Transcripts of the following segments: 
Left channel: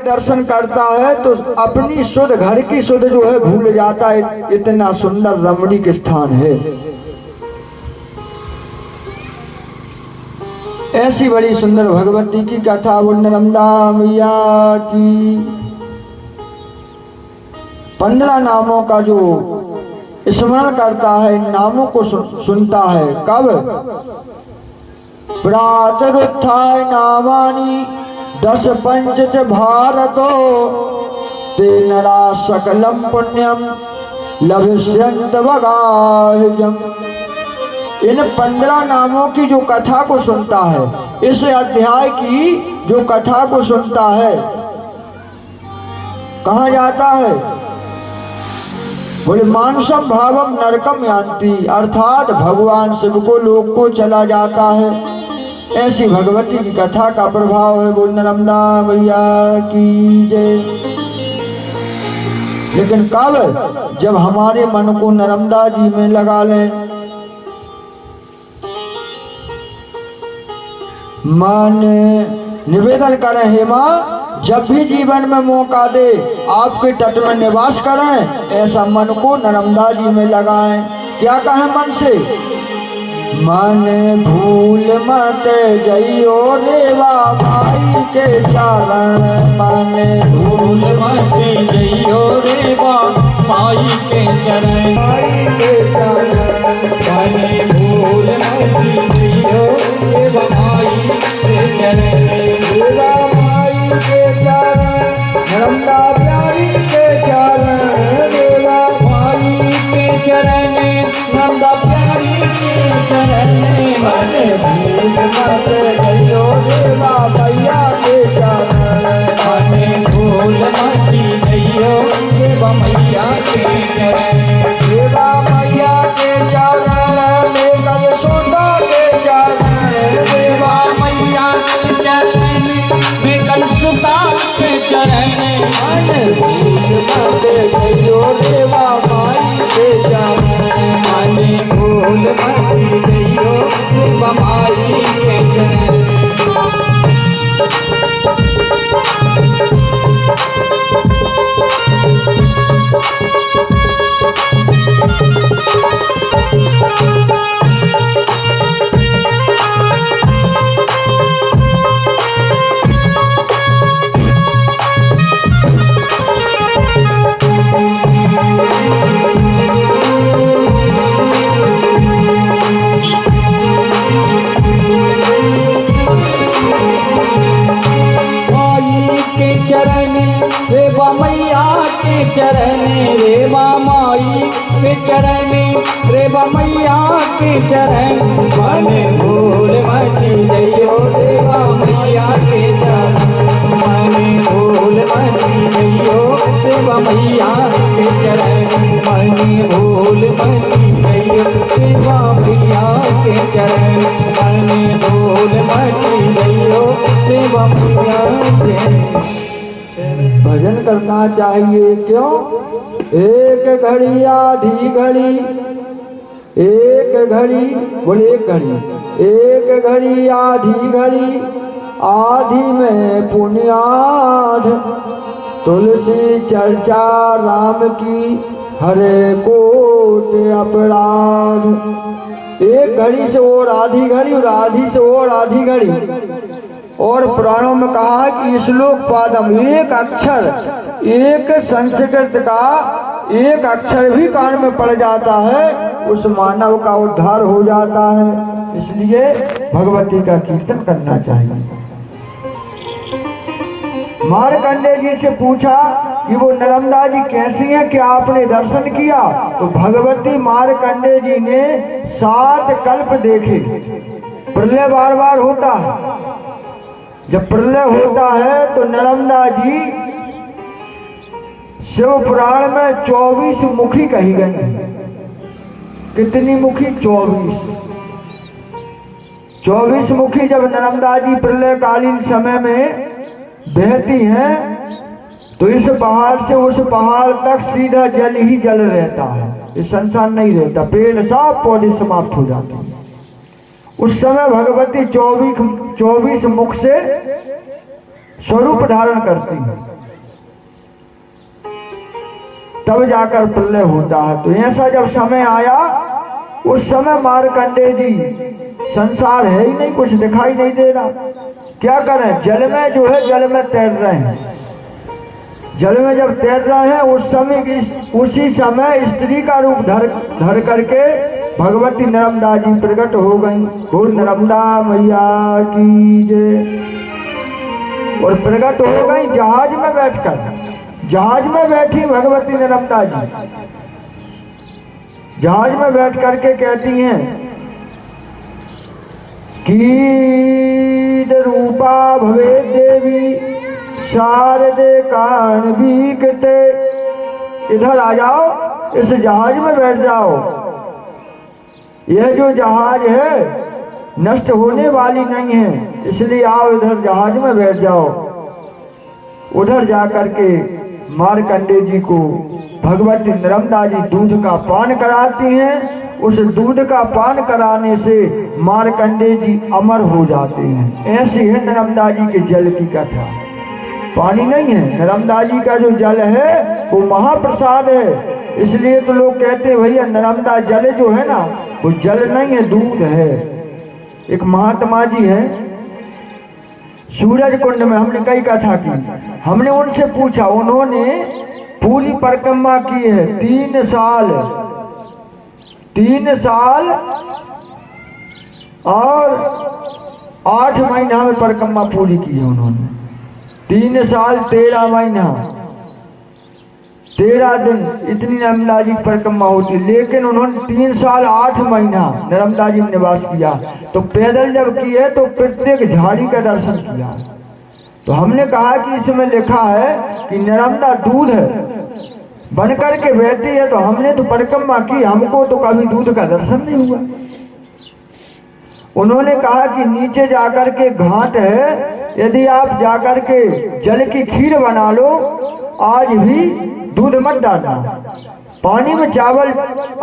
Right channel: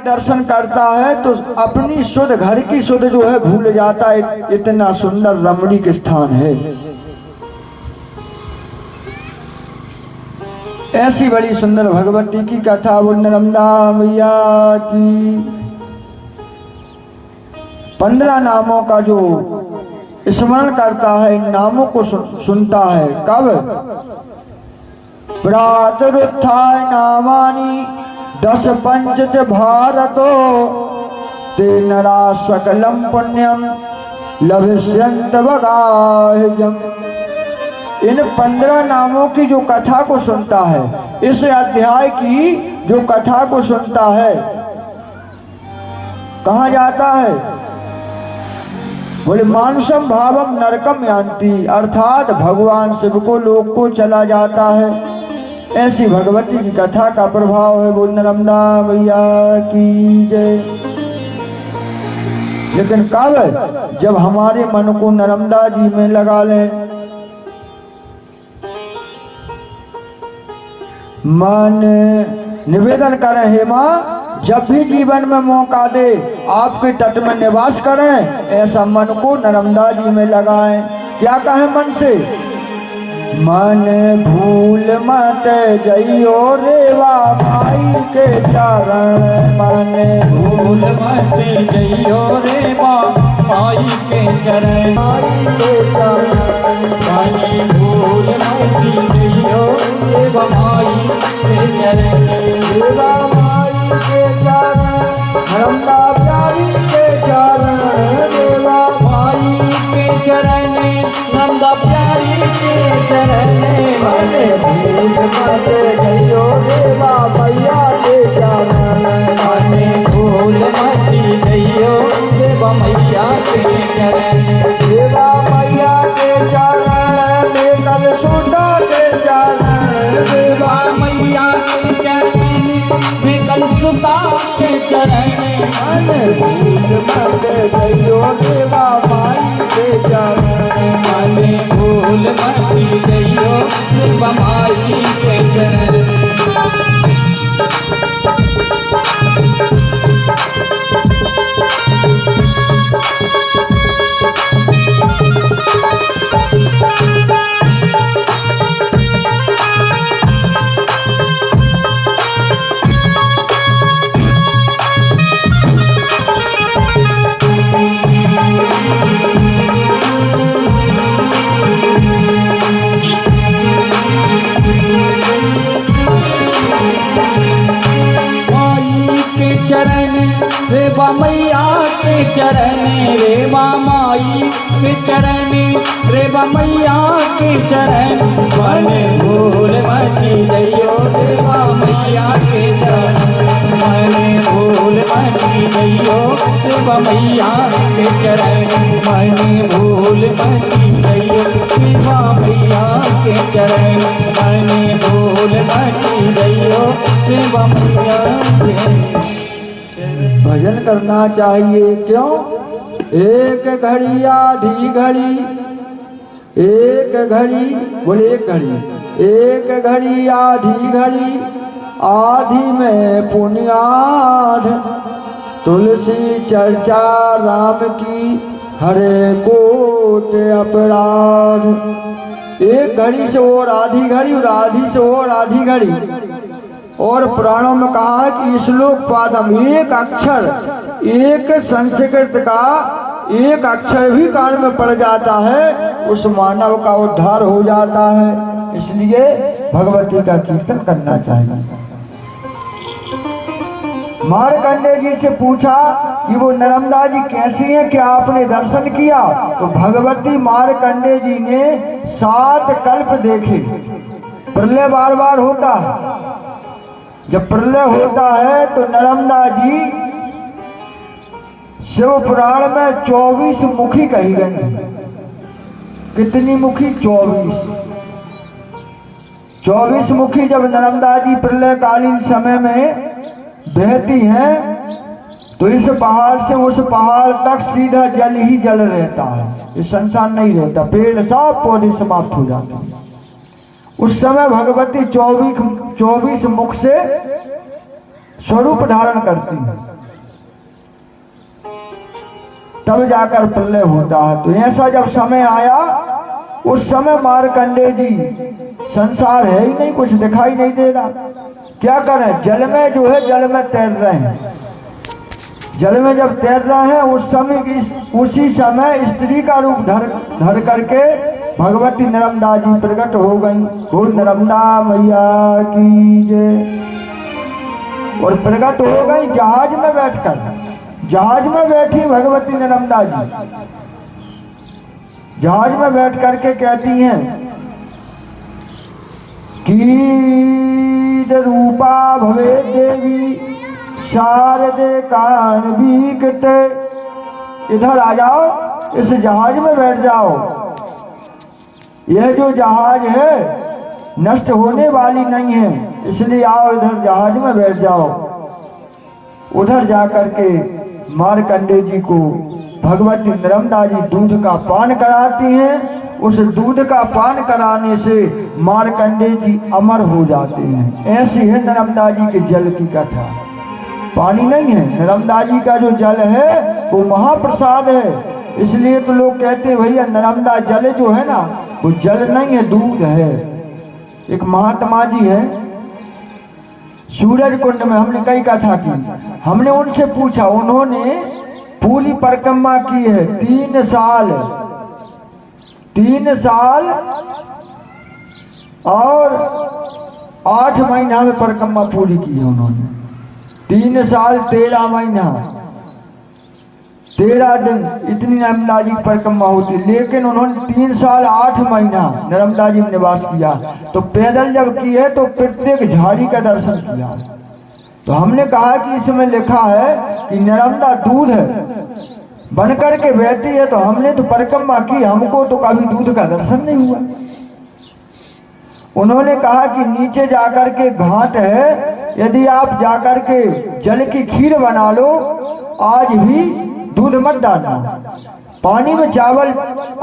दर्शन करता है तो अपनी शुद्ध घर की शुद्ध जो है भूल जाता है। इतना सुंदर रमणीक स्थान है। ऐसी बड़ी सुंदर भगवती की कथा वो नर्मदा मैया की 15 नामों का जो स्मरण करता है, इन नामों को सुनता है। कब? प्रातरुत्थाय नामानि 10 पंच च भारतो तेन सकलम पुण्यम लभिष्यन्त वगाह्यम। इन 15 नामों की जो कथा को सुनता है, इस अध्याय की जो कथा को सुनता है, कहाँ जाता है? बोले मानसम भावम नरकम यान्ति, अर्थात भगवान शिव को लोक को चला जाता है। ऐसी भगवती की कथा का प्रभाव है। बोल नर्मदा मैया की जय। लेकिन कब? जब हमारे मन को नर्मदा जी में लगा लें। मन निवेदन करें, हे माँ जब भी जीवन में मौका दे आपके तट में निवास करें, ऐसा मन को नर्मदा जी में लगाएं। क्या कहें मन से? मन भूल मत जइयो रेवा माई के चरण, मन भूल मत जइयो रेवा माई के चरण, माई के चरण, मन भूल मत जइयो रेवा माई के चरण, रेवा माई के चरण, नर्मदा प्यारी के चरण, रेवा माई के चरण, नर्मदा प्यारी के चरण, मन भूल मत जइयो रेवा मैया के चरण, मन भूल मत जइयो रेवा मैया के चरण, रेवा मैया के चरण, लेकर सुधा के चरण, रेवा मैया के चरण, लेकर सुधा के चरण, मन भूल मत जइयो रेवा माई के चरण, मन भूल मत जइयो रेवा माई के चरण। रेवा मैया के चरण, रेवा माई के चरण, रेवा मैया के चरण, मन भूल मत जइयो रेवा मैया के चरण, मन भूल मत जइयो रेवा मैया के चरण, मन भूल मत जइयो रेवा मैया के चरण, मन भूल मत जइयो रेवा मैया के। भजन करना चाहिए क्यों? एक घड़ी आधी घड़ी, एक घड़ी, बोले एक घड़ी, एक घड़ी आधी घड़ी, आधी में पुण्याध, तुलसी चर्चा राम की, हरे कोट अपराध। एक घड़ी से और आधी घड़ी, और आधी से और आधी घड़ी। और पुराणों में कहा है कि श्लोक पादम, एक अक्षर, एक संस्कृत का एक अक्षर भी कान में पड़ जाता है, उस मानव का उद्धार हो जाता है। इसलिए भगवती का कीर्तन करना चाहिए। मार्कंडेय जी से पूछा कि वो नर्मदा जी कैसी है, क्या आपने दर्शन किया? तो भगवती मार्कंडेय जी ने 7 कल्प देखे। प्रलय बार बार होता है, जब प्रलय होता है तो नर्मदा जी शिव पुराण में 24 मुखी कही गई। कितनी मुखी? 24 मुखी। जब नर्मदा जी प्रलय कालीन समय में बहती हैं तो इस पहाड़ से उस पहाड़ तक सीधा जल ही जल रहता है, इस संसार नहीं रहता, पेड़ सब पौधे समाप्त हो जाते हैं। उस समय भगवती 24 मुख से स्वरूप धारण करती है, तब जाकर प्रलय होता है। तो ऐसा जब समय आया, उस समय मार्कंडेय जी, संसार है ही नहीं, कुछ दिखाई नहीं दे रहा, क्या करें? जल में जो है, जल में तैर रहे हैं। जल में जब तैर रहे हैं, उसी समय स्त्री का रूप धर करके भगवती नर्मदा जी प्रकट हो गई। बोल नर्मदा मैया की जय। और प्रकट हो गई जहाज में बैठकर, जहाज में बैठी भगवती नर्मदा जी, जहाज में बैठ करके कहती हैं कि रूपा भवे देवी शारदे कारणवीकृते। इधर आ जाओ, इस जहाज में बैठ जाओ। यह जो जहाज है नष्ट होने वाली नहीं है, इसलिए आओ इधर जहाज में बैठ जाओ। उधर जाकर के मार्कंडेय जी को भगवती नर्मदा जी दूध का पान कराती हैं। उस दूध का पान कराने से मार्कंडेय जी अमर हो जाते हैं। ऐसी है नर्मदा जी के जल की कथा। पानी नहीं है, नर्मदा जी का जो जल है वो महाप्रसाद है। इसलिए तो लोग कहते हैं भैया नर्मदा जल जो है ना, वो जल नहीं है, दूध है। एक महात्मा जी है सूरज कुंड में, हमने कई कथा की, हमने उनसे पूछा, उन्होंने पूरी परिक्रमा की है 3 साल और 8 महीना में परिक्रमा पूरी की है उन्होंने। 3 साल 13 महीना 13 दिन इतनी नर्मदा जी की परिक्रमा होती, लेकिन उन्होंने 3 साल 8 महीना नर्मदा जी में निवास किया। तो पैदल जब की है तो प्रत्येक झाड़ी का दर्शन किया। तो हमने कहा कि इसमें लिखा है कि नर्मदा दूध है, बन करके बहती है, तो हमने तो परिक्रमा की, हमको तो कभी दूध का दर्शन नहीं हुआ। उन्होंने कहा कि नीचे जाकर के घाट है, यदि आप जाकर के जल की खीर बना लो, आज भी दूध मत डालना, पानी में चावल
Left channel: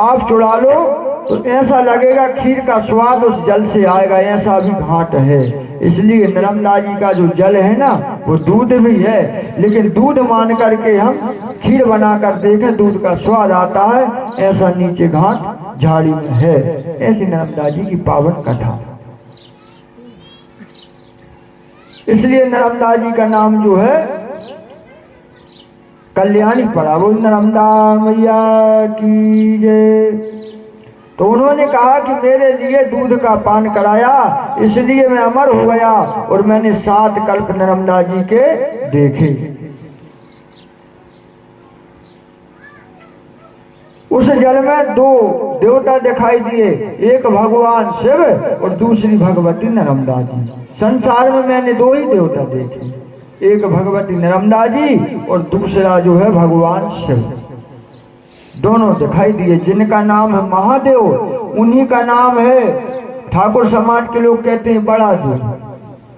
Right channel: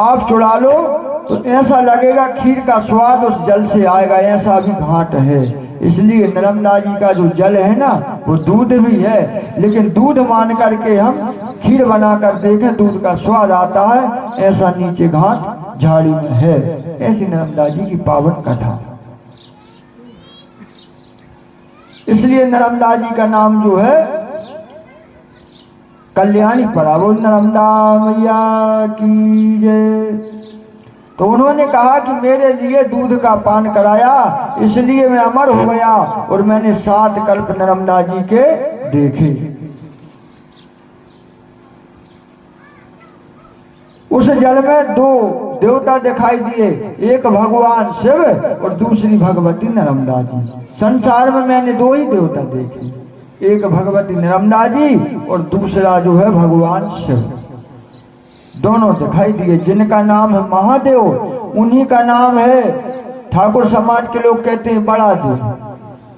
आप चुरा लो, तो ऐसा लगेगा खीर का स्वाद उस जल से आएगा। ऐसा भी घाट है। इसलिए नर्मदा जी का जो जल है ना, वो दूध भी है, लेकिन दूध मान करके हम खीर बनाकर देखें, दूध का स्वाद आता है। ऐसा नीचे घाट झाड़ी में है। ऐसी नर्मदा जी की पावन कथा। इसलिए नर्मदा जी का नाम जो है कल्याणी पड़ा। बोल नर्मदा मैया की जय। तो उन्होंने कहा कि मेरे लिए दूध का पान कराया, इसलिए मैं अमर हो गया और मैंने 7 कल्प नर्मदा जी के देखे। उस जल में 2 देवता दिखाई दिए, एक भगवान शिव और दूसरी भगवती नर्मदा जी। संसार में मैंने 2 ही देवता देखे, एक भगवती नर्मदा जी और दूसरा जो है भगवान शिव। दोनों दिखाई दिए, जिनका नाम है महादेव, उन्हीं का नाम है, ठाकुर समाज के लोग कहते हैं बड़ा देव।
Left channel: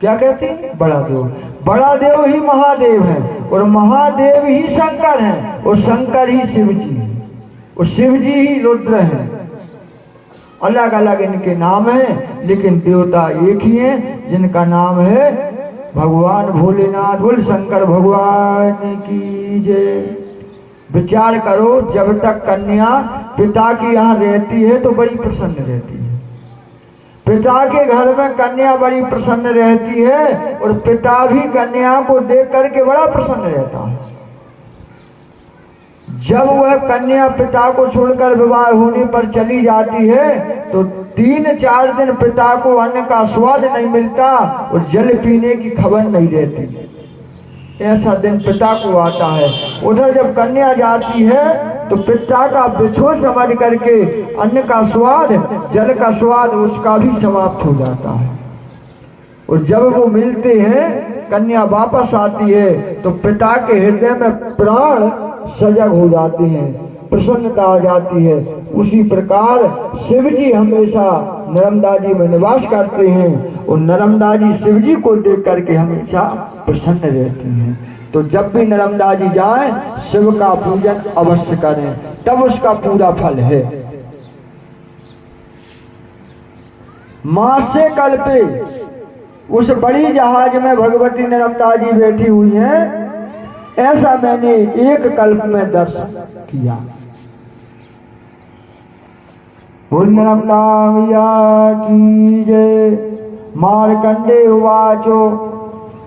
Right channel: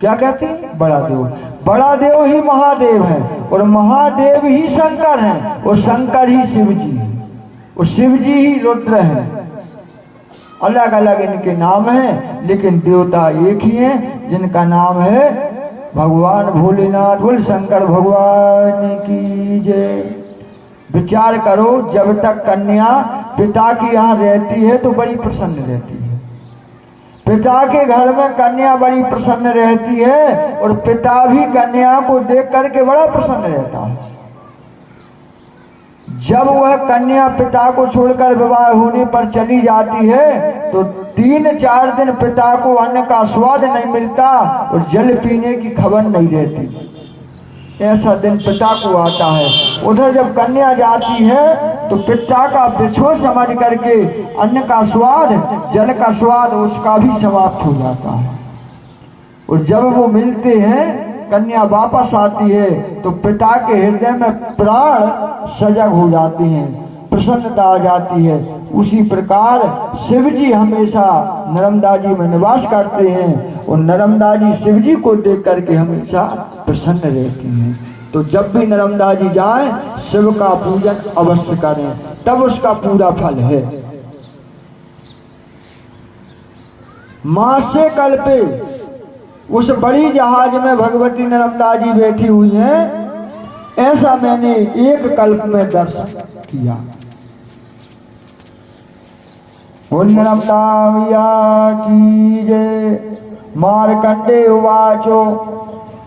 क्या कहते हैं? बड़ा देव। बड़ा देव ही महादेव है और महादेव ही शंकर हैं और शंकर ही शिव जी है और शिव जी ही रुद्र हैं। अलग अलग इनके नाम हैं, लेकिन देवता एक ही हैं, जिनका नाम है भगवान भोलेनाथ। बोल शंकर भगवान की जय। विचार करो, जब तक कन्या पिता की यहाँ रहती है तो बड़ी प्रसन्न रहती है। पिता के घर में कन्या बड़ी प्रसन्न रहती है और पिता भी कन्या को देख करके बड़ा प्रसन्न रहता है। जब वह कन्या पिता को छोड़कर विवाह होने पर चली जाती है तो 3-4 दिन पिता को अन्न का स्वाद नहीं मिलता और जल पीने की खबर नहीं रहती। ऐसा दिन पिता को आता है। उधर जब कन्या जाती है तो पिता का बिछोह समझ करके अन्न का स्वाद, जल का स्वाद उसका भी समाप्त हो जाता है। और जब वो मिलते हैं, कन्या वापस आती है तो पिता के हृदय में प्राण सजग हो जाते हैं, प्रसन्नता आ जाती है। उसी प्रकार शिव जी हमेशा नर्मदा जी में निवास करते हैं और नर्मदा जी शिव जी को देख करके हमेशा प्रसन्न रहती हैं। तो जब भी नर्मदा जी जाएं, शिव का पूजन अवश्य करें, तब उसका पूरा फल है। मासे कल्पे उस बड़ी जहाज में भगवती नर्मदा जी बैठी हुई हैं, ऐसा मैंने एक कल्प में दर्शन किया। बोल नर्मदा मैया की जय। मार्कंडे उवाचो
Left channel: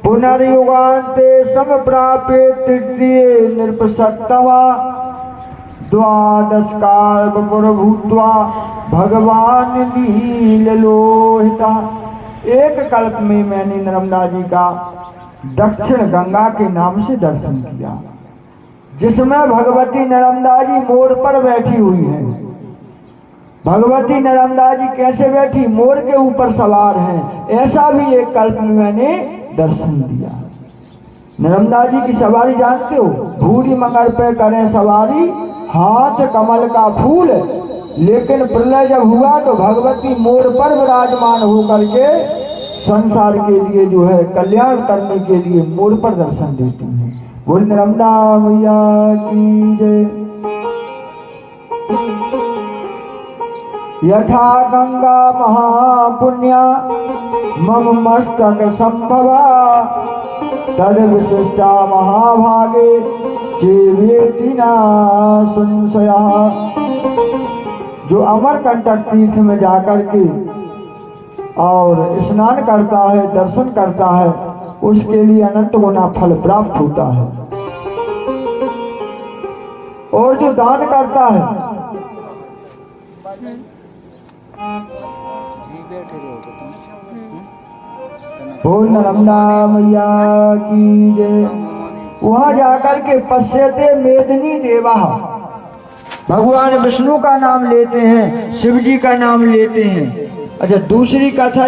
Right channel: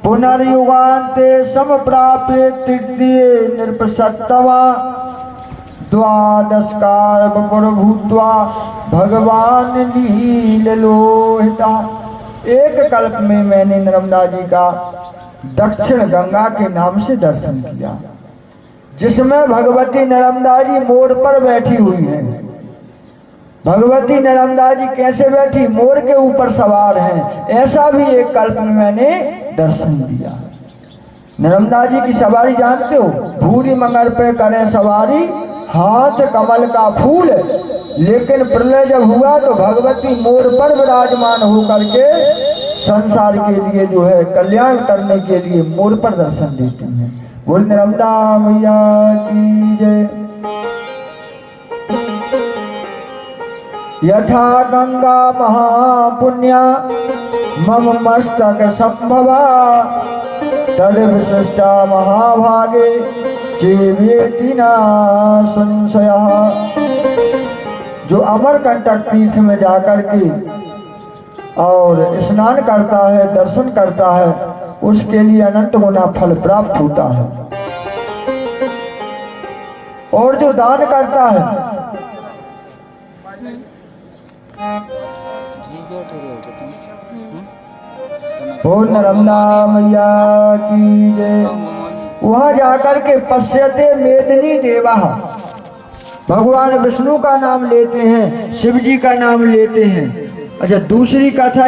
पुनर्युगान्ते समप्राप्य तृतीये नृपसत्तमा द्वादशकाल भूत्वा भगवान नीललोहिता। एक कल्प में मैंने नर्मदा जी का दक्षिण गंगा के नाम से दर्शन किया, जिसमें भगवती नर्मदा जी मोर पर बैठी हुई हैं। भगवती नर्मदा जी कैसे बैठी? मोर के ऊपर सवार हैं। ऐसा भी एक कल्प में मैंने दर्शन दिया। नर्मदा जी की सवारी जानते हो? भूरी मगर पे करें सवारी, हाथ कमल का फूल। लेकिन प्रलय जब हुआ तो भगवती मोर पर विराजमान होकर के संसार के लिए जो है कल्याण करने के लिए मोर पर दर्शन देती हैं। बोल नर्मदा मैया की जय। यथा गंगा महापुण्या मम मस्तक संभवा तद विशिष्टा महाभागे जीवेति न संशयः। जो अमरकंटक तीर्थ में जाकर के और स्नान करता है, दर्शन करता है, उसके लिए अनंत गुना फल प्राप्त होता है। और जो दान करता है, बोल नर्मदा मैया की जय। वहां जाकर के पश्यते मेदिनी देवा, भगवान विष्णु का नाम लेते हैं, शिव जी का नाम लेते हैं। अच्छा, दूसरी कथा